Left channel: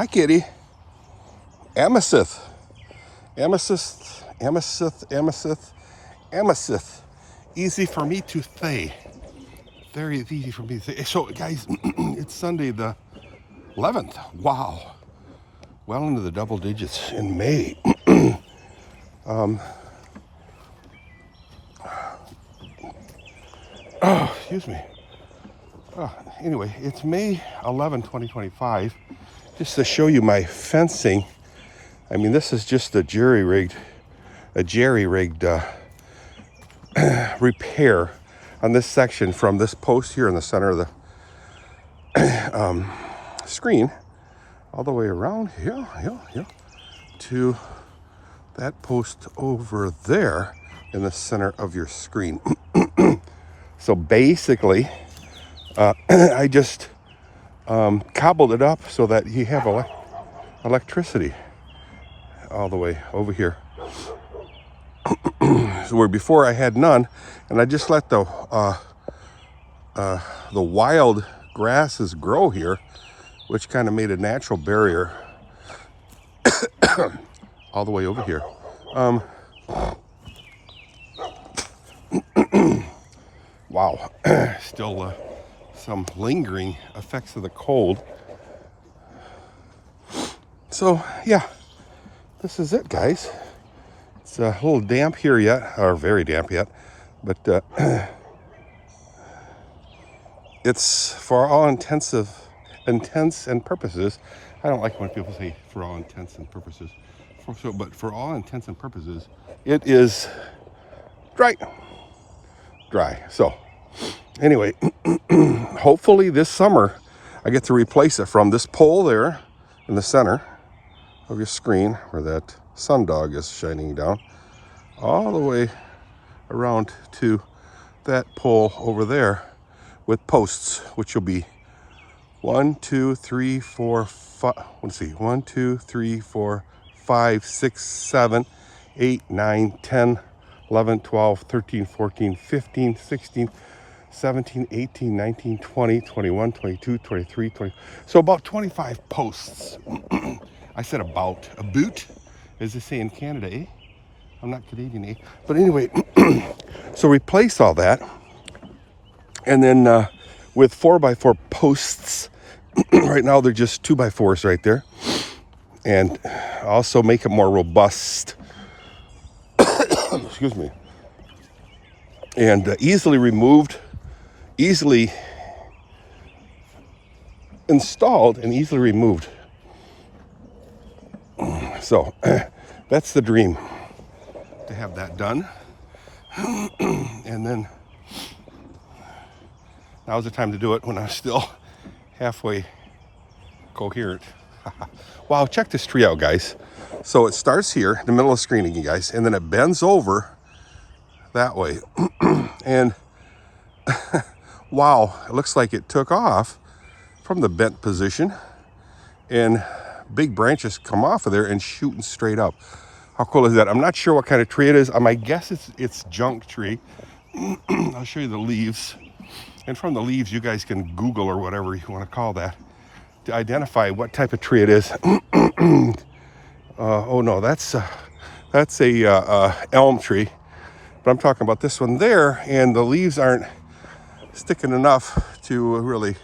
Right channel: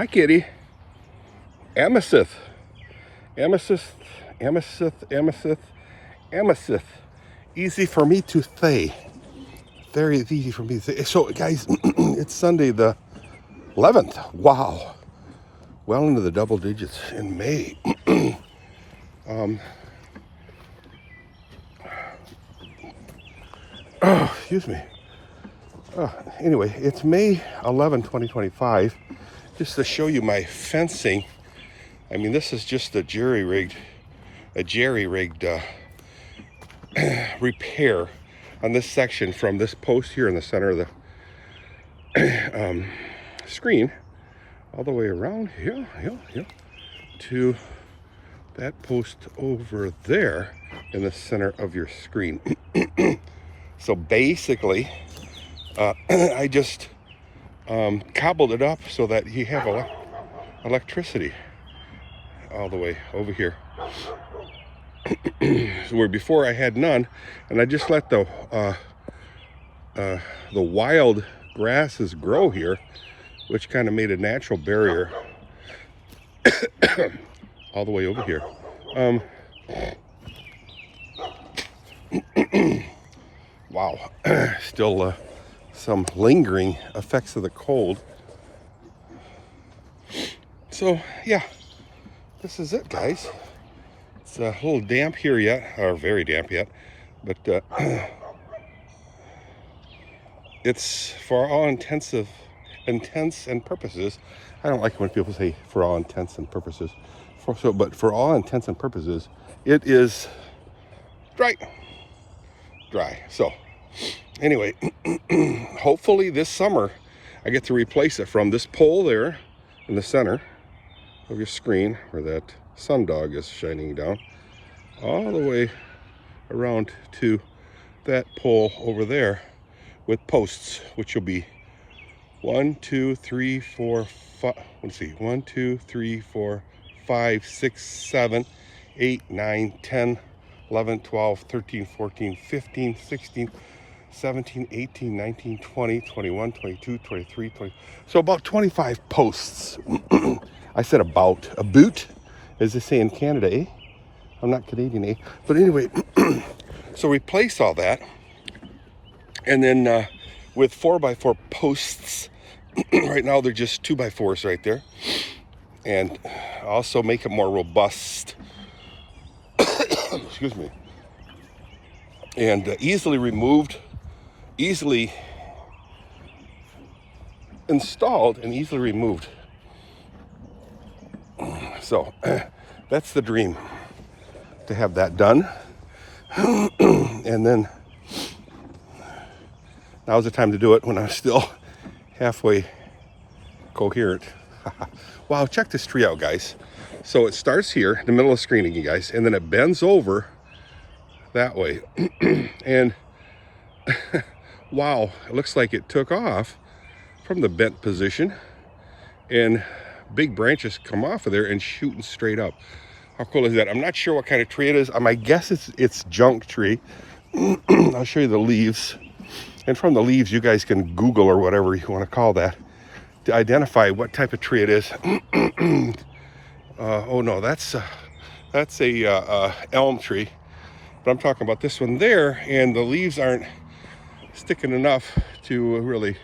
Hi, kitty. Amethyst. Amethyst. Amethyst. Amethyst. Amethyst. Easy for me to say. Very easy for me to say. So, guys, it's Sunday the 11th. Wow. Well into the double digits in May. Oh, excuse me. Anyway, it's May 11, 2025. Just to show you my fencing. I mean, this is just a jerry-rigged repair on this section from this post here in the center of the screen all the way around here to that post over there in the center of your screen. So basically, I just cobbled it up so that you have electricity all the way over here. So where before I had none, and I just let the wild grasses grow here, which kind of made a natural barrier all the way over here. Wow, still some lingering effects of the cold. So yeah, this is it, guys. It's a little damp here yet, or very damp yet, but it's for all intents and purposes. I don't like when people say for all intents and purposes. But for all intents and purposes, it is dry. So anyway, hopefully this summer I get to replace it from this pole there in the center of your screen where that sundog is shining down, all the way around to that pole over there with posts, which will be 1, 2, 3, 4, 5. Let's see, 1, 2, 3, 4, 5, 6, 7, 8, 9, 10, 11, 12, 13, 14, 15, 16, 17, 18, 19, 20, 21, 22, 23, 20. So about 25 posts. I said about. A boot, as they say in Canada, eh? I'm not Canadian, eh? But anyway, so replace all that. And then with 4x4 posts, right now they're just 2x4s right there. And also make it more robust. Excuse me. And easily removed, easily installed, and easily removed. So that's the dream, to have that done. And then now's the time to do it when I'm still halfway coherent. Wow, check this tree out, guys. So it starts here in the middle of the screen again, guys, and then it bends over that way. And wow, it looks like it took off from the bent position, and big branches come off of there and shooting straight up. How cool is that? I'm not sure what kind of tree it is. I guess it's junk tree. I'll show you the leaves. And from the leaves, you guys can Google or whatever you want to call that to identify what type of tree it is. Oh no, that's a elm tree. But I'm talking about this one there, and the leaves aren't sticking enough to really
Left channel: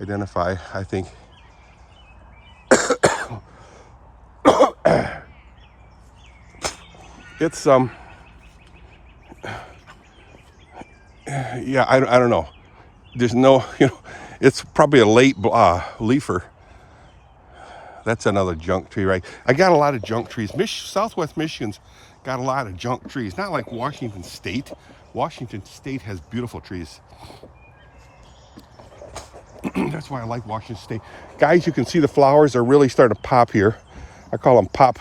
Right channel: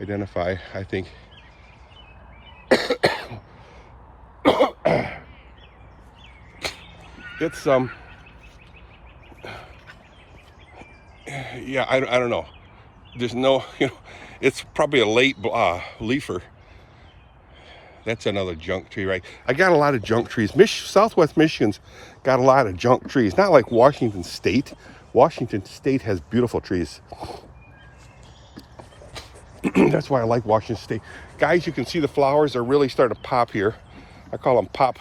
identify, I think. It's yeah, I don't know. There's no, it's probably a late leafer. That's another junk tree, right? I got a lot of junk trees. Southwest Michigan's got a lot of junk trees. Not like Washington State. Washington State has beautiful trees. That's why I like Washington State. Guys, you can see the flowers are really starting to pop here. I call them pop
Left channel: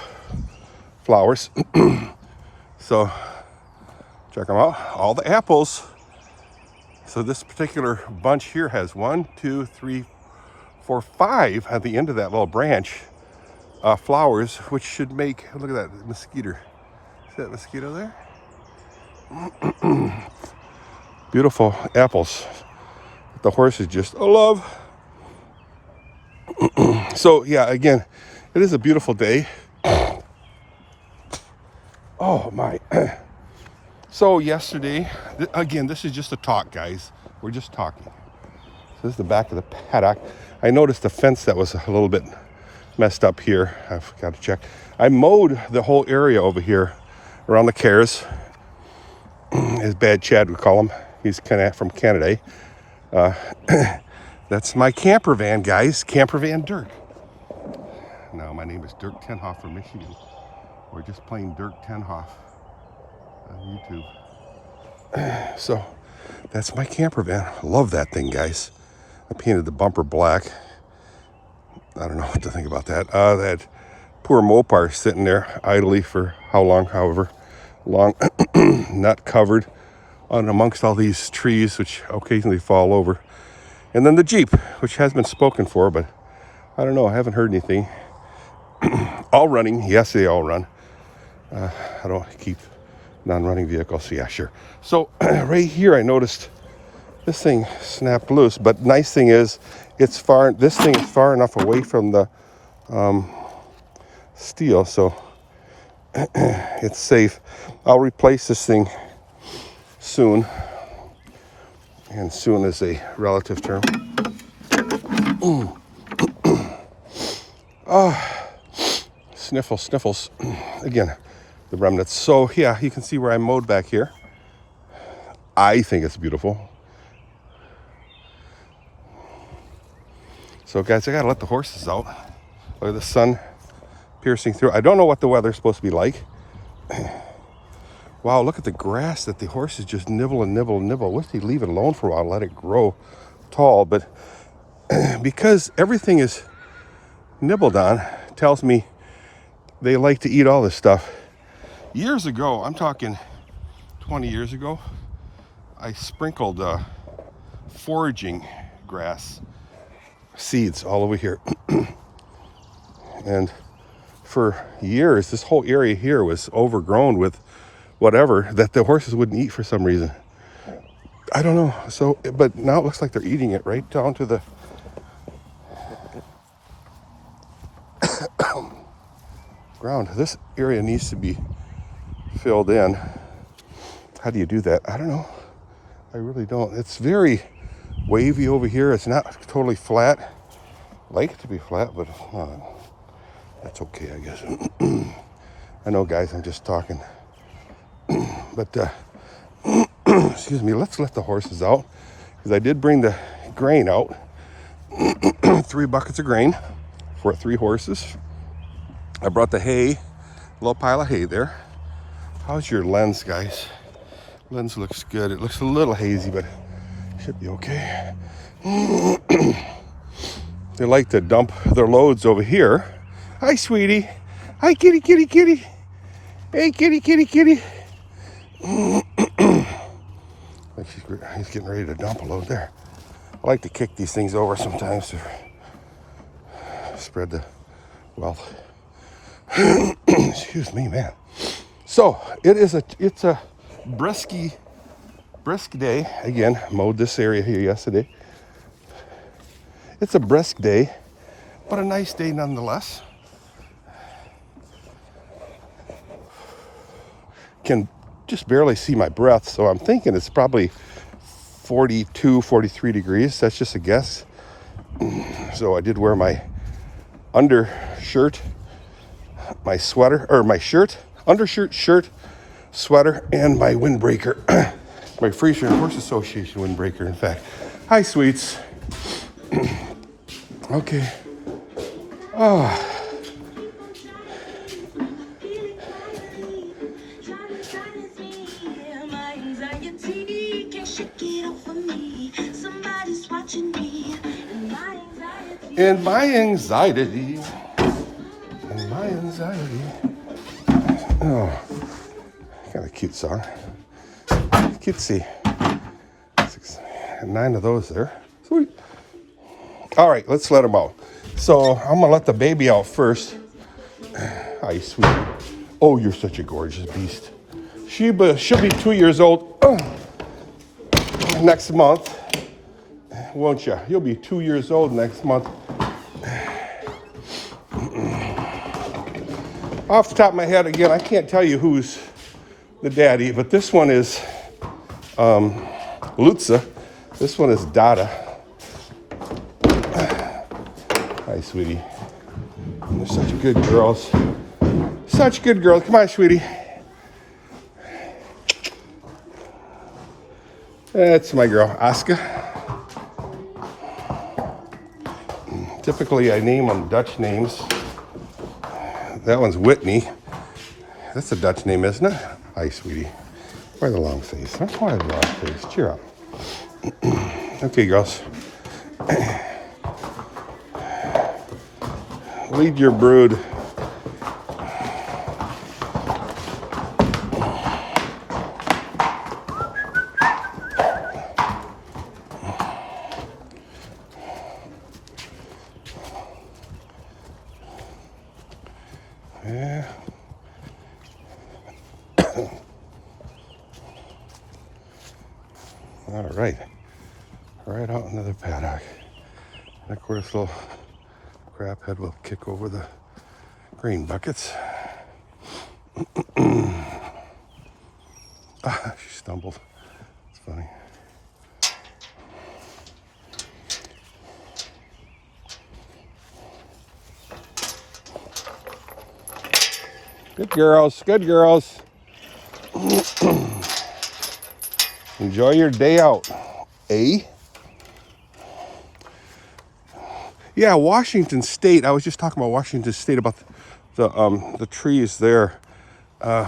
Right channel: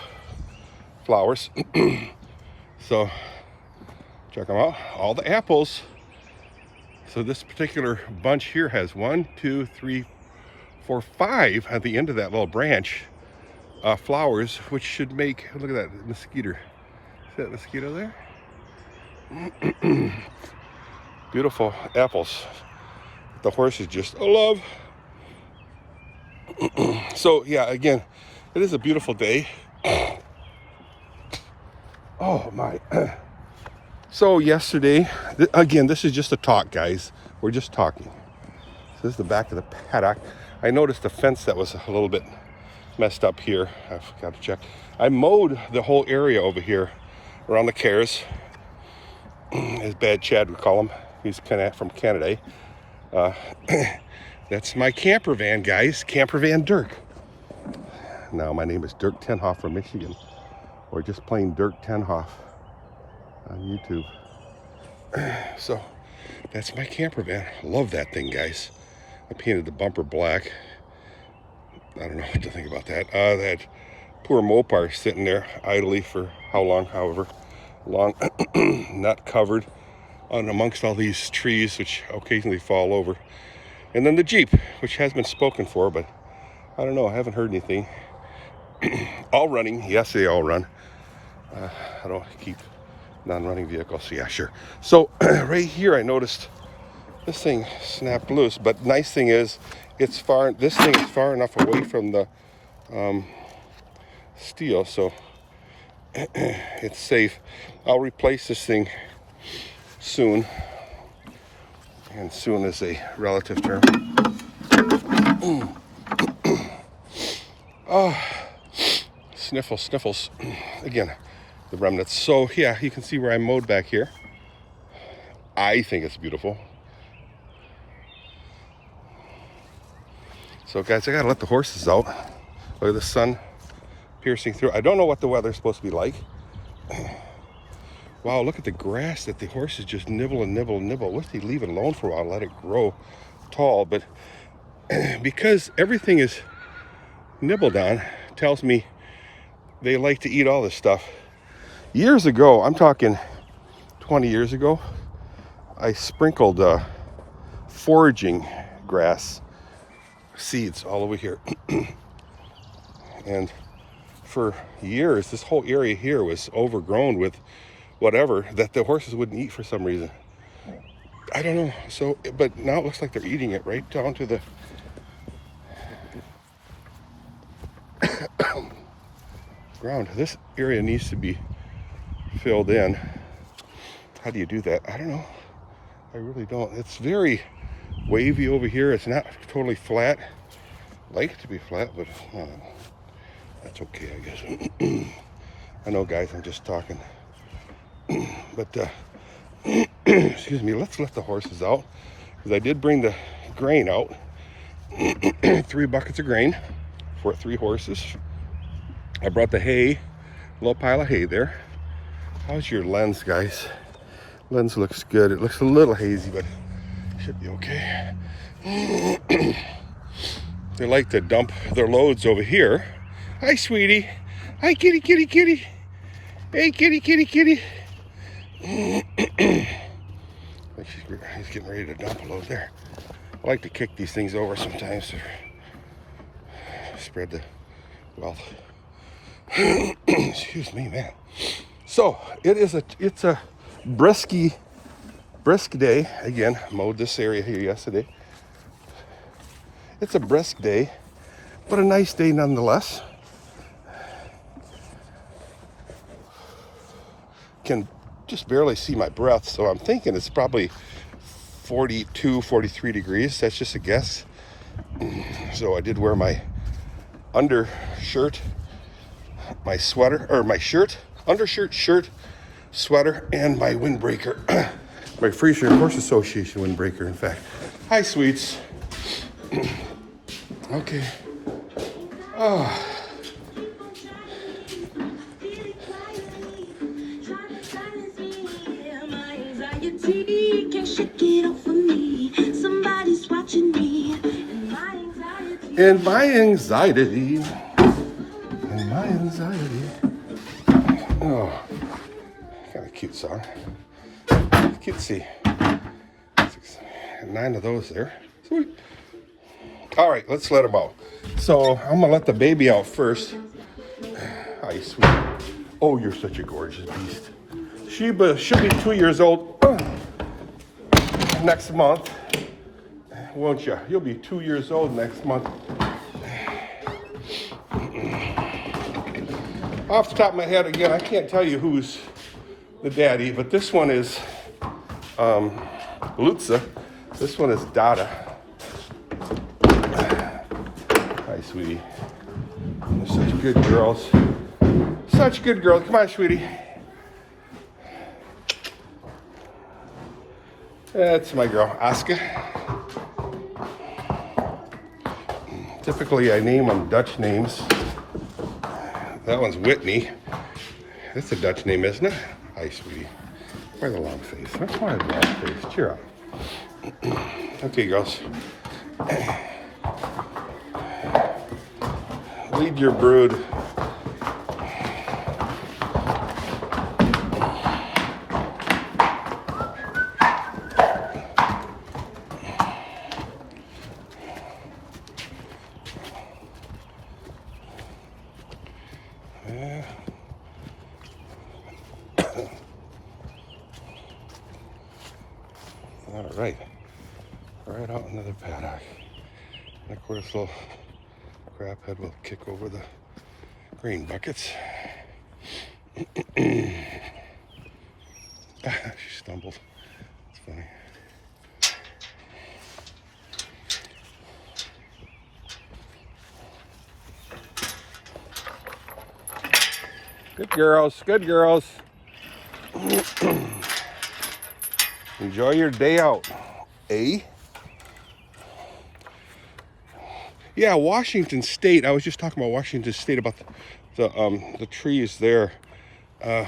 flowers. So check them out. All the apples. So this particular bunch here has 1, 2, 3, 4, 5 at the end of that little branch flowers, which should make, look at that mosquito. See that mosquito there? Beautiful apples. The horses just love. So yeah, again, it is a beautiful day. Oh my. So yesterday, again, this is just a talk, guys. We're just talking. So this is the back of the paddock. I noticed the fence that was a little bit messed up here. I've got to check. I mowed the whole area over here around the cares, as Bad Chad would call him. He's kind of from Canada. That's my camper van, guys. Camper van Dirk. Now, my name is Dirk Tenhoff from Michigan, or just plain Dirk Tenhoff on YouTube. So, that's my camper van. Love that thing, guys. I painted the bumper black. I don't know what to think about that. That poor Mopar sitting there idly for how long, however long, not covered on amongst all these trees, which occasionally fall over. And then the Jeep, which has been spoken for, but I don't know, I haven't heard anything. All running, yes, they all run. I don't keep non-running vehicles, yeah, sure. So right here, I noticed this thing snapped loose, but nice thing is, this thing is far enough away from the steel, so it's safe. I'll replace this thing soon, and soon is a relative term. Sniffles. Again, the remnants. So yeah, you can see where I mowed back here. I think it's beautiful. So guys, I gotta let the horses out. Look at the sun piercing through. I don't know what the weather's supposed to be like. Wow, look at the grass that the horses just nibble and nibble and nibble. I wish they'd leave it alone for a while, let it grow tall. But because everything is nibbled on, tells me they like to eat all this stuff. Years ago, I'm talking 20 years ago, I sprinkled foraging grass seeds all over here. And for years, this whole area here was overgrown with whatever that the horses wouldn't eat for some reason. I don't know. So, but now it looks like they're eating it right down to the ground. This area needs to be filled in. How do you do that? I don't know. I really don't. It's very wavy over here. It's not totally flat. I like it to be flat, but it's not. That's okay, I guess. I know, guys, I'm just talking. But, excuse me, let's let the horses out. Because I did bring the grain out. 3 buckets of grain for 3 horses. I brought the hay, a little pile of hay there. How's your lens, guys? Lens looks good. It looks a little hazy, but it should be okay. They like to dump their loads over here. Hi, sweetie. Hi, kitty. Hey, kitty. Like he's getting ready to dump a load there. I like to kick these things over sometimes to spread the wealth. Excuse me, man. So it's a brisk day. Again, mowed this area here yesterday. It's a brisk day, but a nice day nonetheless. Can just barely see my breath, so I'm thinking it's probably 42, 43 degrees. That's just a guess. So I did wear my undershirt, my sweater, or my shirt, undershirt, shirt, sweater, and my windbreaker. My Friesian Horses Association windbreaker, in fact. Hi, sweets. Okay. Oh. And my anxiety. Oh, got a cute song. Cutesy. 9 of those there. Sweet. All right, let's let him out. So I'm gonna let the baby out first. Hi, sweet. Oh, you're such a gorgeous beast. She'll be 2 years old next month, won't you? You'll be 2 years old next month. Off the top of my head, again, I can't tell you who's the daddy, but this one is Lutza. This one is Dada. Hi, sweetie. They're such good girls. Such good girls. Come on, sweetie. That's my girl, Aska. Typically, I name them Dutch names. That one's Whitney. That's a Dutch name, isn't it? Hi, sweetie. Why the long face? Why the long face? Cheer up. Okay, girls. Lead your brood. Yeah. All right. Right out into the paddock. And of course, little crap head will kick over the grain buckets. She stumbled. It's funny. Good girls, good girls. Enjoy your day out, eh? Yeah, Washington State. I was just talking about Washington State about the trees there.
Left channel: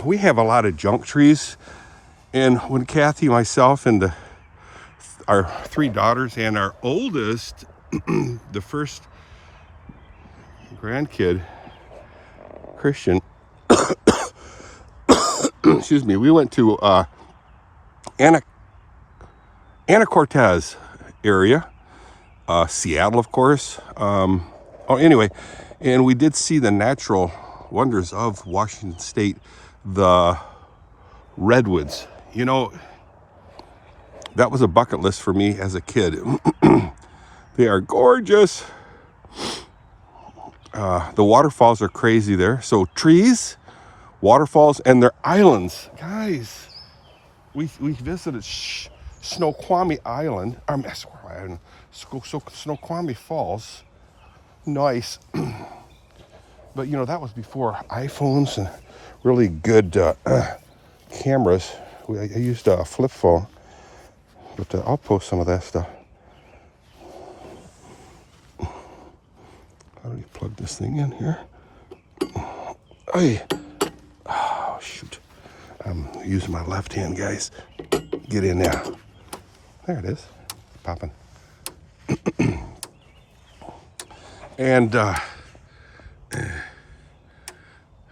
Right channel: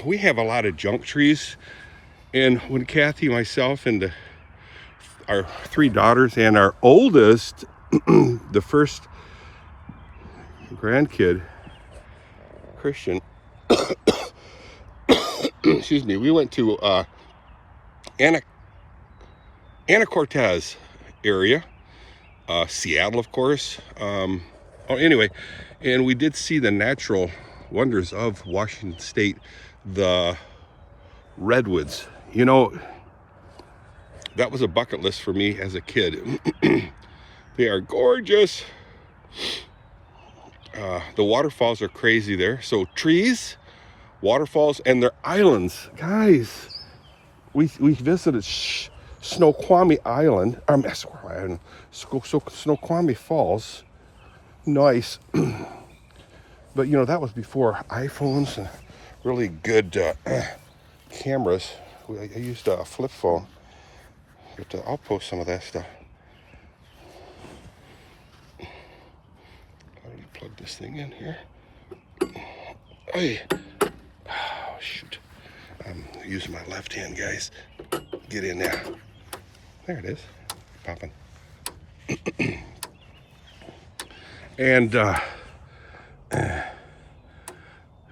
We have a lot of junk trees, and when Kathy, myself, and our 3 daughters and our oldest, the first grandkid, Christian, excuse me, we went to Anacortes area, Seattle, of course. Anyway, and we did see the natural wonders of Washington State, the redwoods. You know, that was a bucket list for me as a kid. They are gorgeous. The waterfalls are crazy there. So trees, waterfalls, and their islands. Guys, we visited Snoqualmie Island. Snoqualmie Falls. Nice. But you know, that was before iPhones and really good cameras. I used a flip phone, but I'll post some of that stuff. How do you plug this thing in here? Hey. Oh, shoot. I'm using my left hand, guys. Get in there. There it is. Popping. And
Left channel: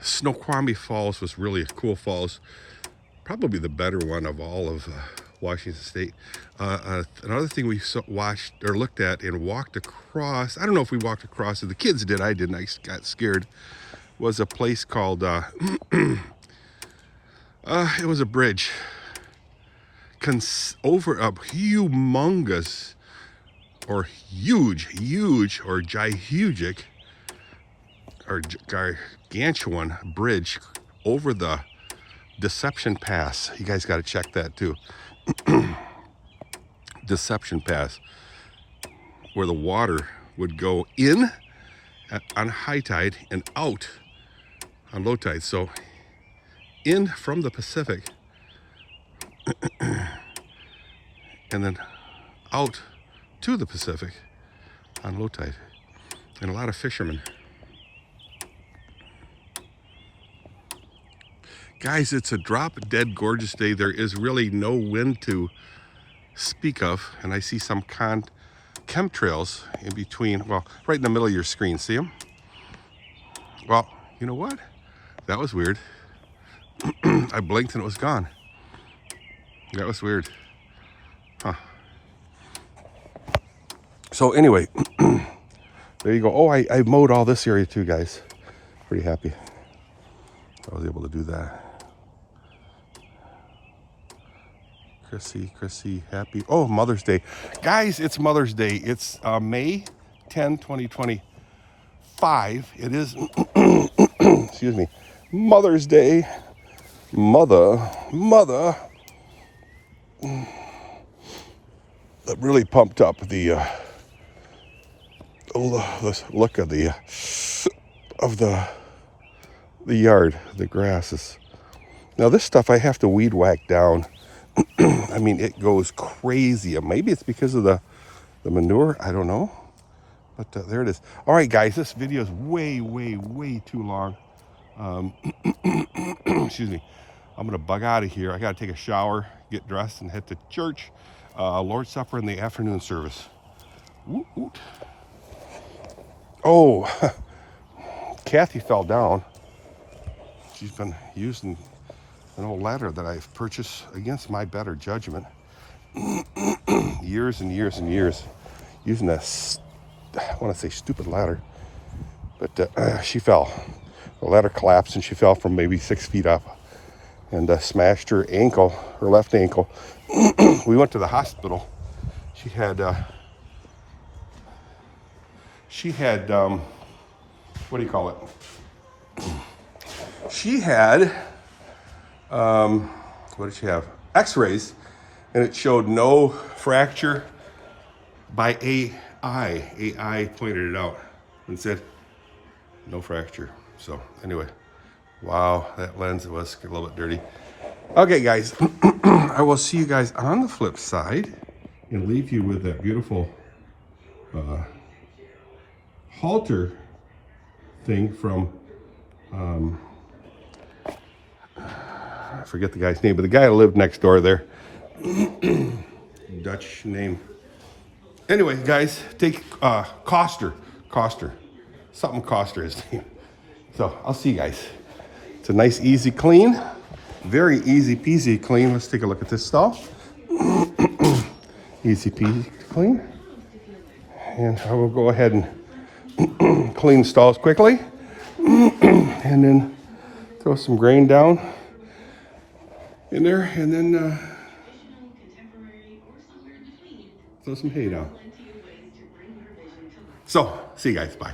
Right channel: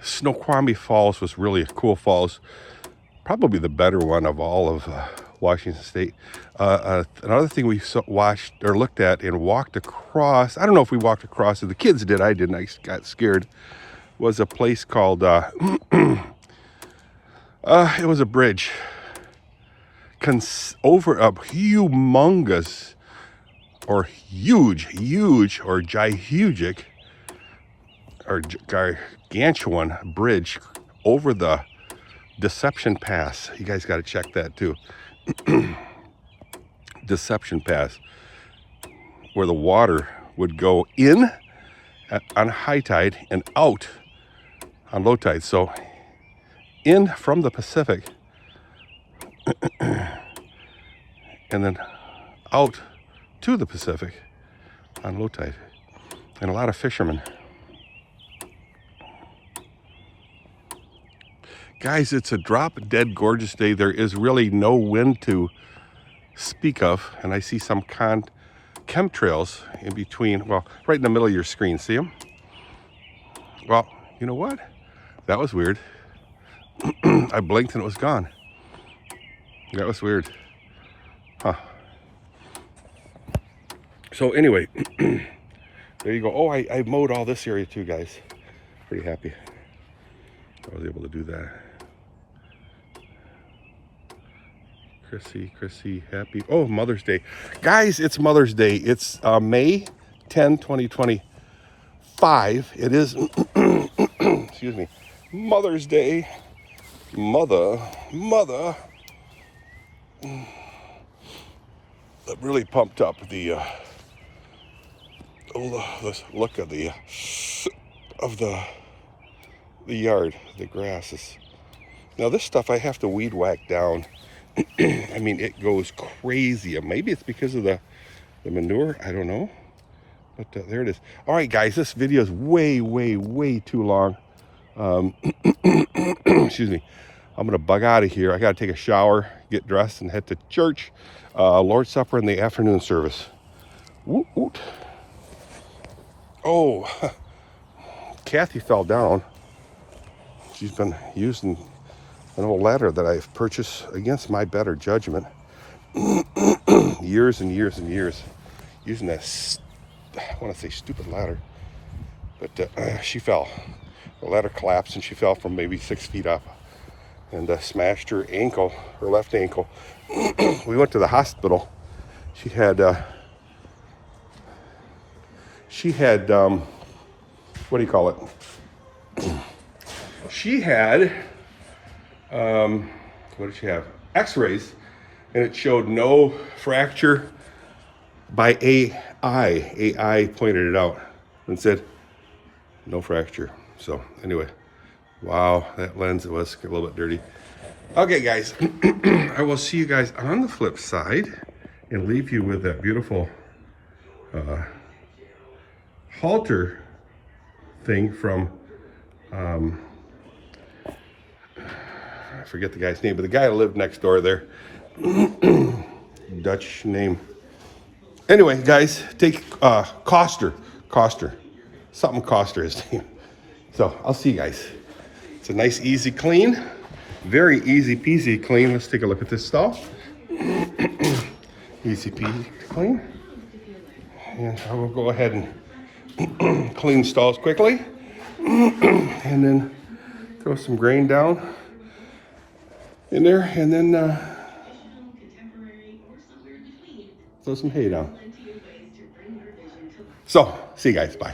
Snoqualmie Falls was really a cool falls. Probably the better one of all of Washington State. Another thing we watched or looked at and walked across, I don't know if we walked across it, the kids did, I didn't, I got scared, was a place called, it was a bridge over a humongous or huge or gigantic or gargantuan bridge over the Deception Pass. You guys got to check that too. Deception Pass, where the water would go in on high tide and out on low tide. So in from the Pacific and then out to the Pacific on low tide. And a lot of fishermen. Guys, it's a drop dead gorgeous day. There is really no wind to speak of. And I see some chemtrails in between, well, right in the middle of your screen. See them? Well, you know what? That was weird. I blinked and it was gone. That was weird. Huh. So anyway, there you go. Oh, I mowed all this area too, guys. Pretty happy I was able to do that. Chrissy, happy. Oh, Mother's Day. Guys, it's Mother's Day. It's May 10, 2025. It is, excuse me, Mother's Day. Mother. That really pumped up the look of the yard, the grasses. Now this stuff I have to weed whack down. I mean, it goes crazy. Maybe it's because of the manure. I don't know. But there it is. All right, guys, this video is way too long. Excuse me. I'm going to bug out of here. I got to take a shower, get dressed, and head to church. Lord's Supper in the afternoon service. Woot, woot. Oh, Kathy fell down. She's been using an old ladder that I've purchased against my better judgment. Years and years and years. Using this, I want to say stupid ladder. But she fell. The ladder collapsed and she fell from maybe 6 feet up. And smashed her ankle, her left ankle. We went to the hospital. She had, what do you call it? She had, what did she have? X-rays, and it showed no fracture by AI. AI pointed it out and said, no fracture. So anyway. Wow, that lens was a little bit dirty. Okay, guys, I will see you guys on the flip side and leave you with that beautiful halter thing from, I forget the guy's name, but the guy who lived next door there. Dutch name. Anyway, guys, take Koster, something Koster his name. So I'll see you guys. It's a nice, easy clean. Very easy peasy clean. Let's take a look at this stall. Easy peasy clean. And I will go ahead and clean stalls quickly. And then throw some grain down in there. And then throw some hay down. So, see you guys. Bye.